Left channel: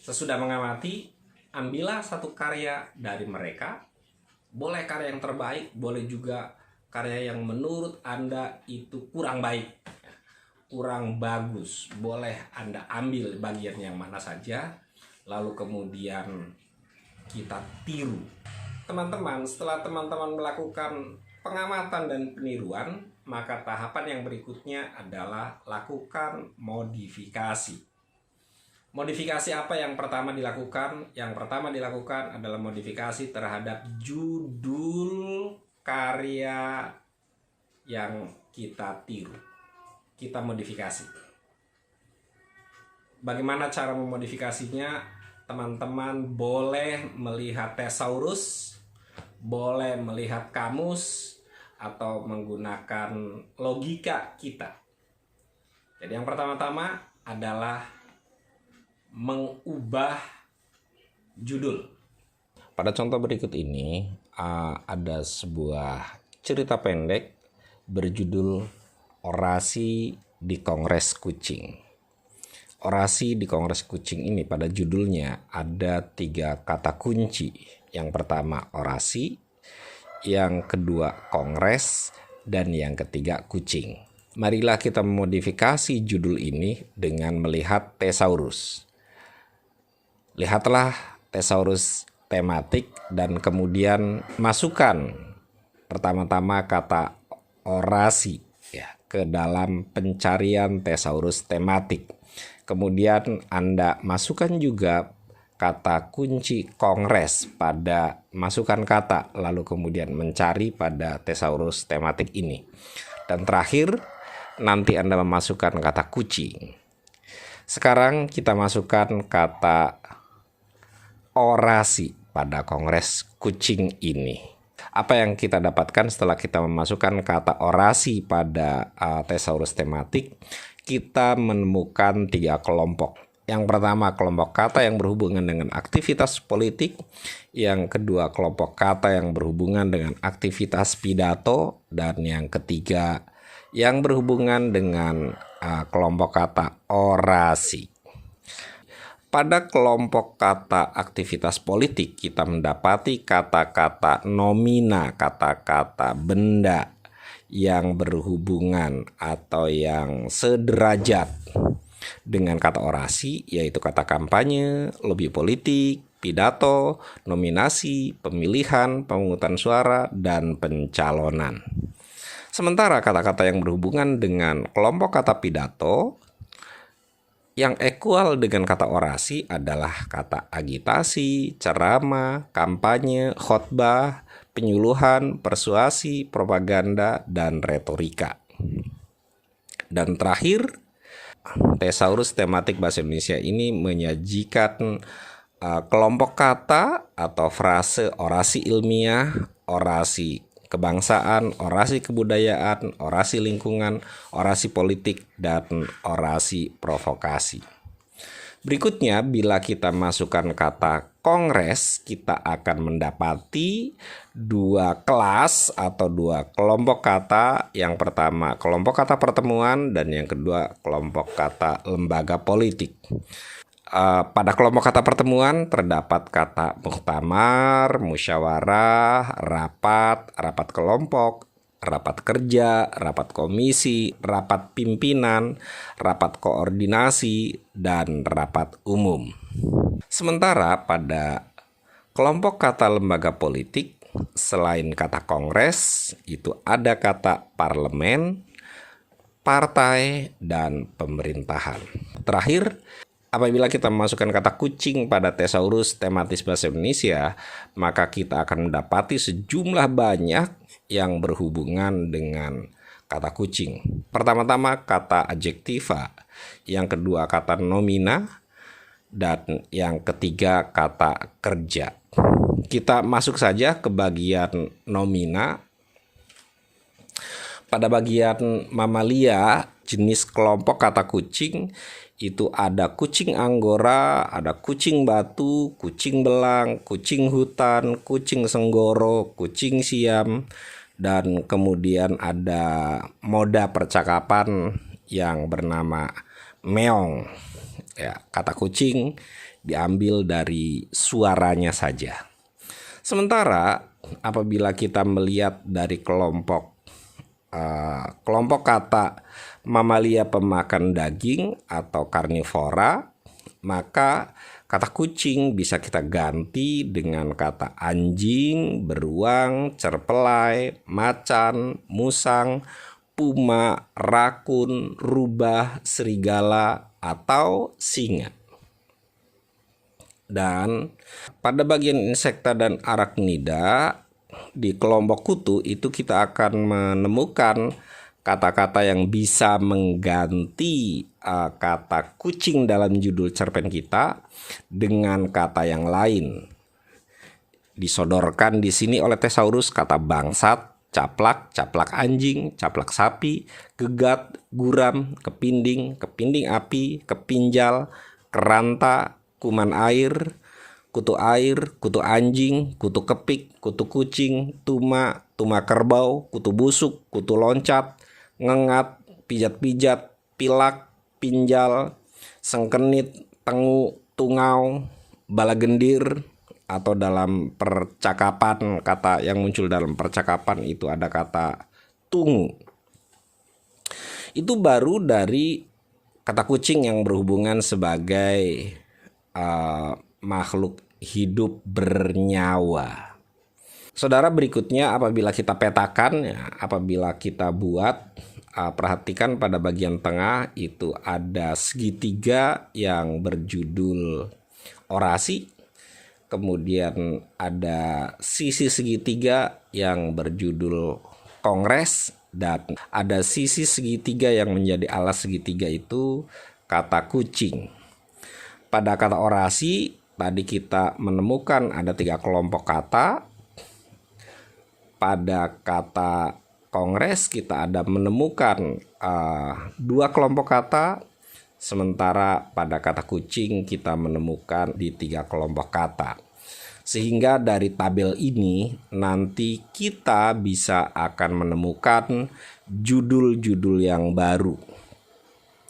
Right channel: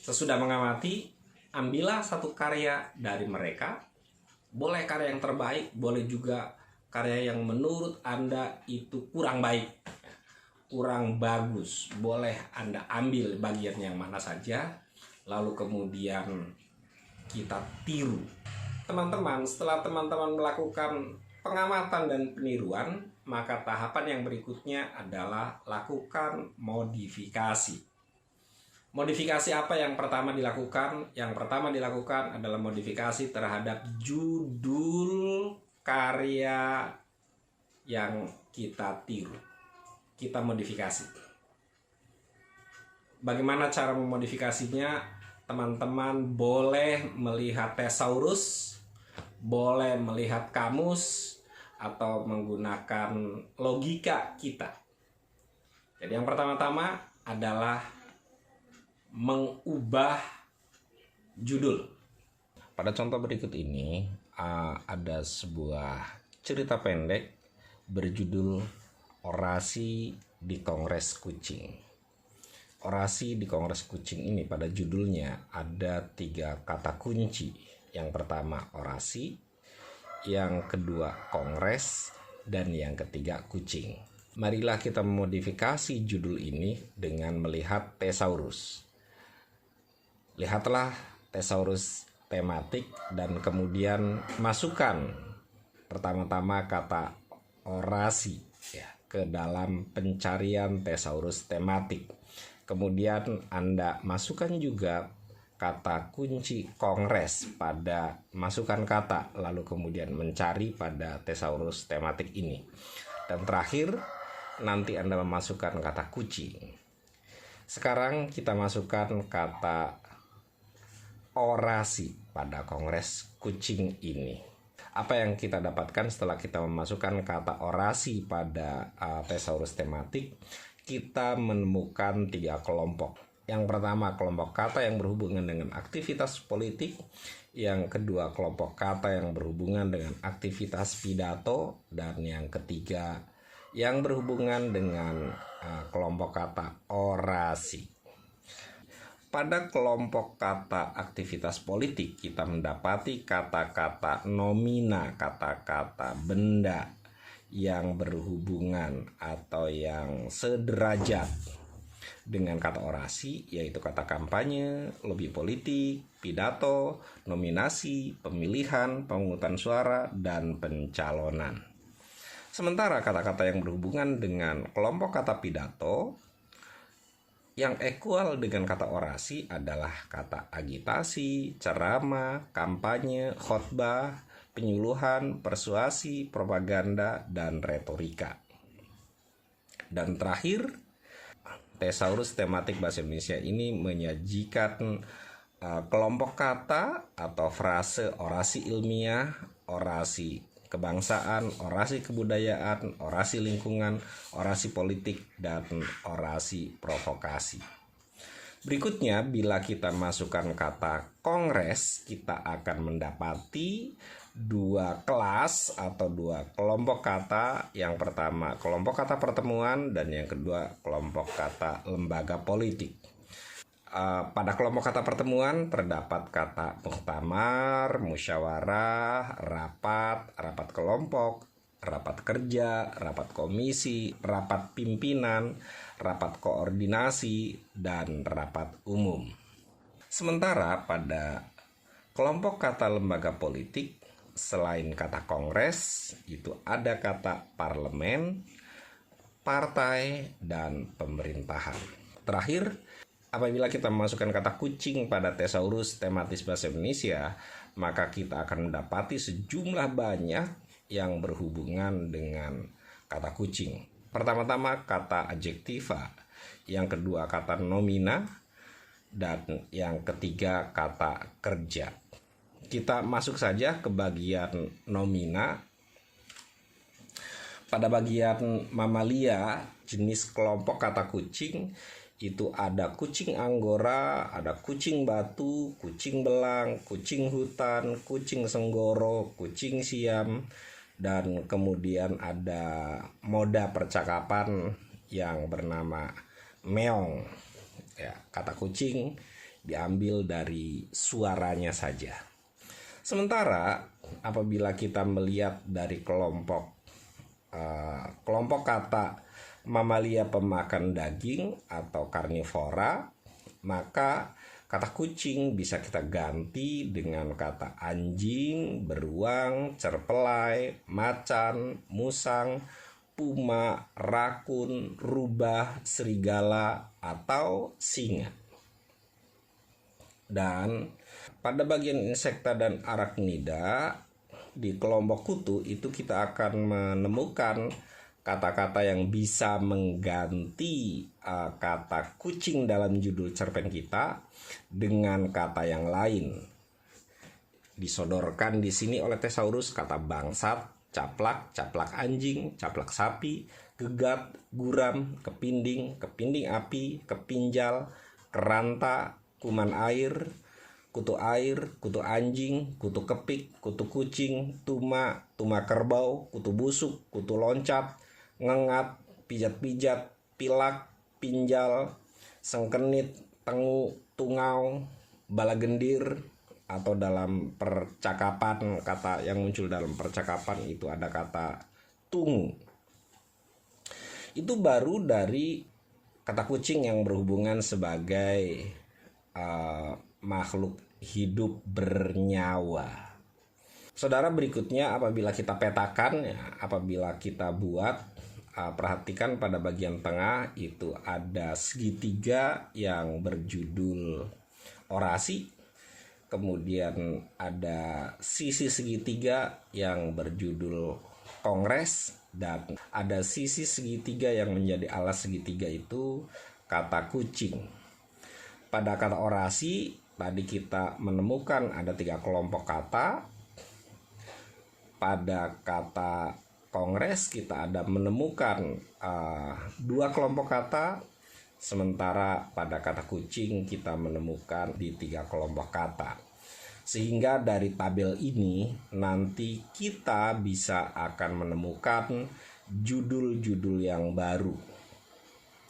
Sesudah mengamati, ambillah satu karya dari mereka. Boleh karya yang terbaik, boleh juga karya yang menurut Anda itu kurang baik, kurang bagus. Boleh Anda ambil bagian yang mana saja, lalu kemudian kita tiru. Teman-teman, setelah teman-teman melakukan pengamatan dan peniruan, maka tahapan yang berikutnya adalah lakukan modifikasi. Modifikasi apa yang pertama dilakukan? Yang pertama dilakukan adalah modifikasi terhadap judul karya yang kita tiru. Kita modifikasi. Bagaimana cara memodifikasinya? Teman-teman boleh melihat thesaurus, boleh melihat kamus, atau menggunakan logika kita. Jadi yang pertama-tama adalah mengubah judul. Pada contoh berikut ini ada sebuah cerita pendek berjudul Orasi di Kongres Kucing. Orasi di Kongres Kucing ini pada judulnya ada 3 kata kunci. Yang pertama orasi, yang kedua kongres, dan yang ketiga kucing. Marilah kita memodifikasi judul ini dengan melihat thesaurus. Lihatlah thesaurus tematik dan kemudian masukkan pertama-tama kata orasi ke dalam pencarian thesaurus tematik. Kemudian Anda masukkan juga kata kunci kongres pada masukan kata, lalu kemudian mencari pada thesaurus tematik ini. Dan terakhir nanti Anda memasukkan kata kucing. Sekarang kita masukkan kata orasi pada kongres kucing ini. Apa yang kita dapatkan setelah kita memasukkan kata orasi pada thesaurus tematik? Kita menemukan 3 kelompok. Yang pertama kelompok kata yang berhubungan dengan aktivitas politik. Yang kedua kelompok kata yang berhubungan dengan aktivitas pidato. Dan yang ketiga yang berhubungan dengan kelompok kata orasi. Pada kelompok kata aktivitas politik kita mendapati kata-kata nomina, kata-kata benda yang berhubungan atau yang sederajat dengan kata orasi, yaitu kata kampanye, lobi politik, pidato, nominasi, pemilihan, pemungutan suara, dan pencalonan. Sementara kata-kata yang berhubungan dengan kelompok kata pidato yang ekual dengan kata orasi adalah kata agitasi, ceramah, kampanye, khotbah, penyuluhan, persuasi, propaganda, dan retorika. Dan terakhir, thesaurus tematik bahasa Indonesia ini menyajikan kelompok kata atau frase orasi ilmiah, orasi kebangsaan, orasi kebudayaan, orasi lingkungan, orasi politik, dan orasi provokasi. Berikutnya, bila kita masukkan kata kongres, kita akan mendapati 2 kelas atau 2 kelompok kata. Yang pertama kelompok kata pertemuan dan yang kedua kelompok kata lembaga politik. Pada kelompok kata pertemuan terdapat kata muktamar, musyawarah, rapat, rapat kelompok, rapat kerja, rapat komisi, rapat pimpinan, rapat koordinasi, dan rapat umum. Sementara pada kelompok kata lembaga politik, selain kata kongres, itu ada kata parlemen, partai, dan pemerintahan. Terakhir, apabila kita memasukkan kata kucing pada thesaurus tematis bahasa Indonesia, maka kita akan mendapati sejumlah banyak yang berhubungan dengan kata kucing. Pertama-tama kata adjektiva, yang kedua kata nomina, dan yang ketiga kata kerja. Kita masuk saja ke bagian nomina. Pada bagian mamalia, jenis kelompok kata kucing, itu ada kucing anggora, ada kucing batu, kucing belang, kucing hutan, kucing senggoro, kucing siam, dan kemudian ada moda percakapan yang bernama meong. Ya, kata kucing diambil dari suaranya saja. Sementara apabila kita melihat dari kelompok kata mamalia pemakan daging atau karnivora, maka kata kucing bisa kita ganti dengan kata anjing, beruang, cerpelai, macan, musang, puma, rakun, rubah, serigala, atau singa. Dan pada bagian insekta dan arachnida di kelompok kutu itu kita akan menemukan kata-kata yang bisa mengganti kata kucing dalam judul cerpen kita dengan kata yang lain. Disodorkan di sini oleh Thesaurus kata bangsat, caplak, caplak anjing, caplak sapi, gegat, guram, kepinding, kepinding api, kepinjal, keranta, kuman air, kutu anjing, kutu kepik, kutu kucing, tuma, tuma kerbau, kutu busuk, kutu loncat, ngengat, pijat-pijat, pilak, pinjal, sengkenit, tengu, tungau, balagendir, atau dalam percakapan, kata yang muncul dalam percakapan itu ada kata tungu. Itu baru dari kata kucing yang berhubungan sebagai makhluk hidup bernyawa. Saudara, berikutnya apabila kita petakan, apabila kita buat, perhatikan pada bagian tengah itu ada segitiga yang berjudul orasi. Kemudian ada sisi segitiga yang berjudul kongres, dan ada sisi segitiga yang menjadi alas segitiga itu kata kucing. Pada kata orasi tadi kita menemukan ada 3 kelompok kata. Pada kata kongres kita ada menemukan 2 kelompok kata. Sementara pada kata kucing kita menemukan di 3 kelompok kata. Sehingga dari tabel ini nanti kita bisa akan menemukan judul-judul yang baru.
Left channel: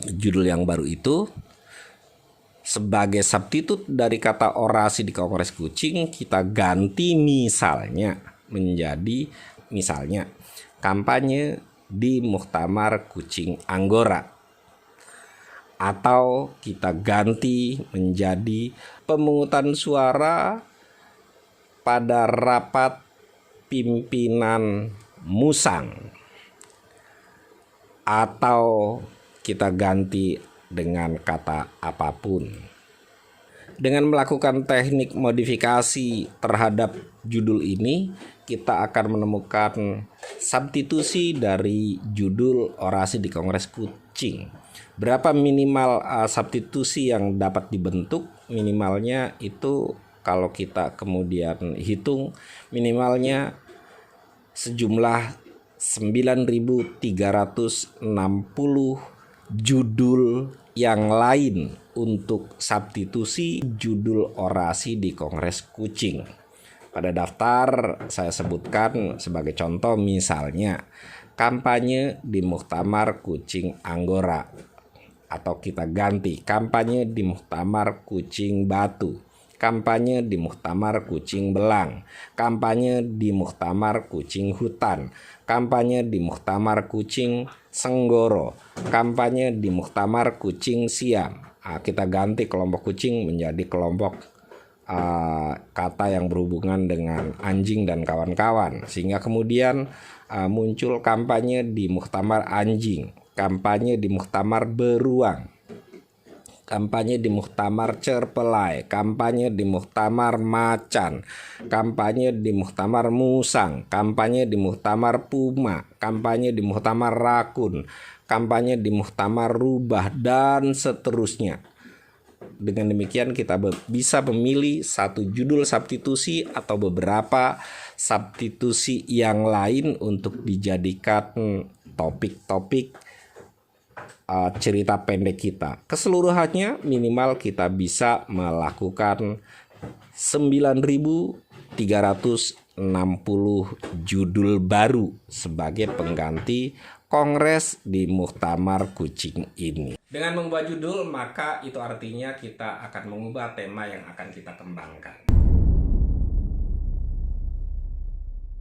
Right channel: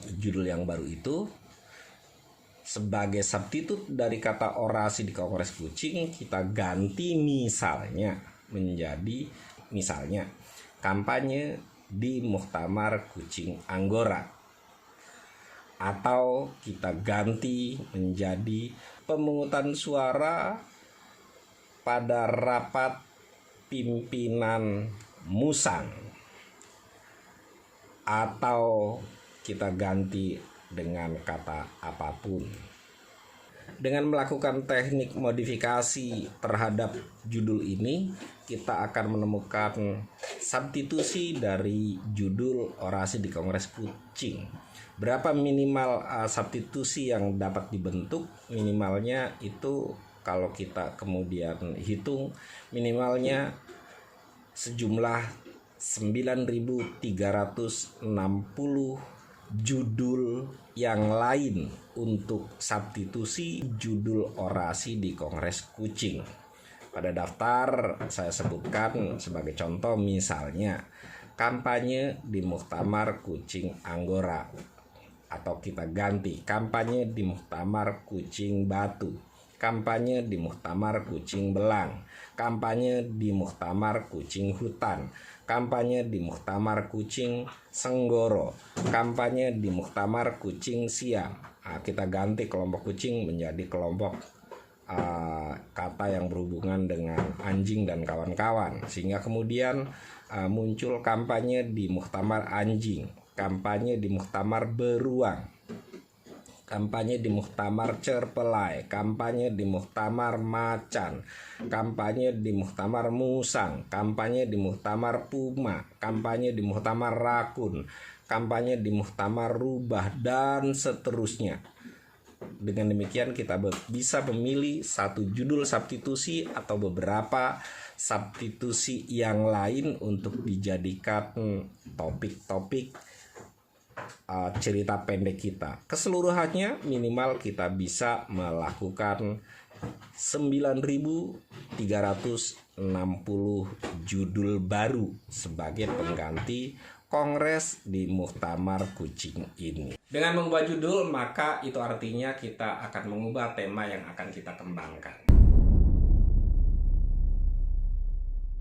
Judul yang baru itu sebagai substitut dari kata orasi di kongres kucing kita ganti misalnya menjadi kampanye di Muktamar Kucing Anggora, atau kita ganti menjadi pemungutan suara pada rapat pimpinan musang, atau kita ganti dengan kata apapun. Dengan melakukan teknik modifikasi terhadap judul ini, kita akan menemukan substitusi dari judul orasi di kongres kucing. Berapa minimal substitusi yang dapat dibentuk? Minimalnya itu kalau kita kemudian hitung, minimalnya sejumlah 9.360 judul yang lain untuk substitusi judul orasi di kongres kucing. Pada daftar saya sebutkan sebagai contoh misalnya kampanye di Muktamar Kucing Anggora, atau kita ganti kampanye di Muktamar Kucing Batu, kampanye di Muktamar Kucing Belang, kampanye di Muktamar Kucing Hutan, kampanye di Muktamar Kucing Senggoro, kampanye di Muktamar Kucing Siam. Kita ganti kelompok kucing menjadi kelompok kata yang berhubungan dengan anjing dan kawan-kawan, sehingga kemudian muncul kampanye di Muktamar Anjing, kampanye di Muktamar Beruang, kampanye di Muktamar Cerpelai, kampanye di Muktamar Macan, kampanye di Muktamar Musang, kampanye di Muktamar Puma, kampanye di Muktamar Rakun, kampanye di Muktamar Rubah, dan seterusnya. Dengan demikian kita bisa memilih satu judul substitusi atau beberapa substitusi yang lain untuk dijadikan topik-topik cerita pendek kita. Keseluruhannya minimal kita bisa melakukan 9.360 judul baru sebagai pengganti kongres di Muktamar Kucing ini. Dengan mengubah judul, maka itu artinya kita akan mengubah tema yang akan kita kembangkan.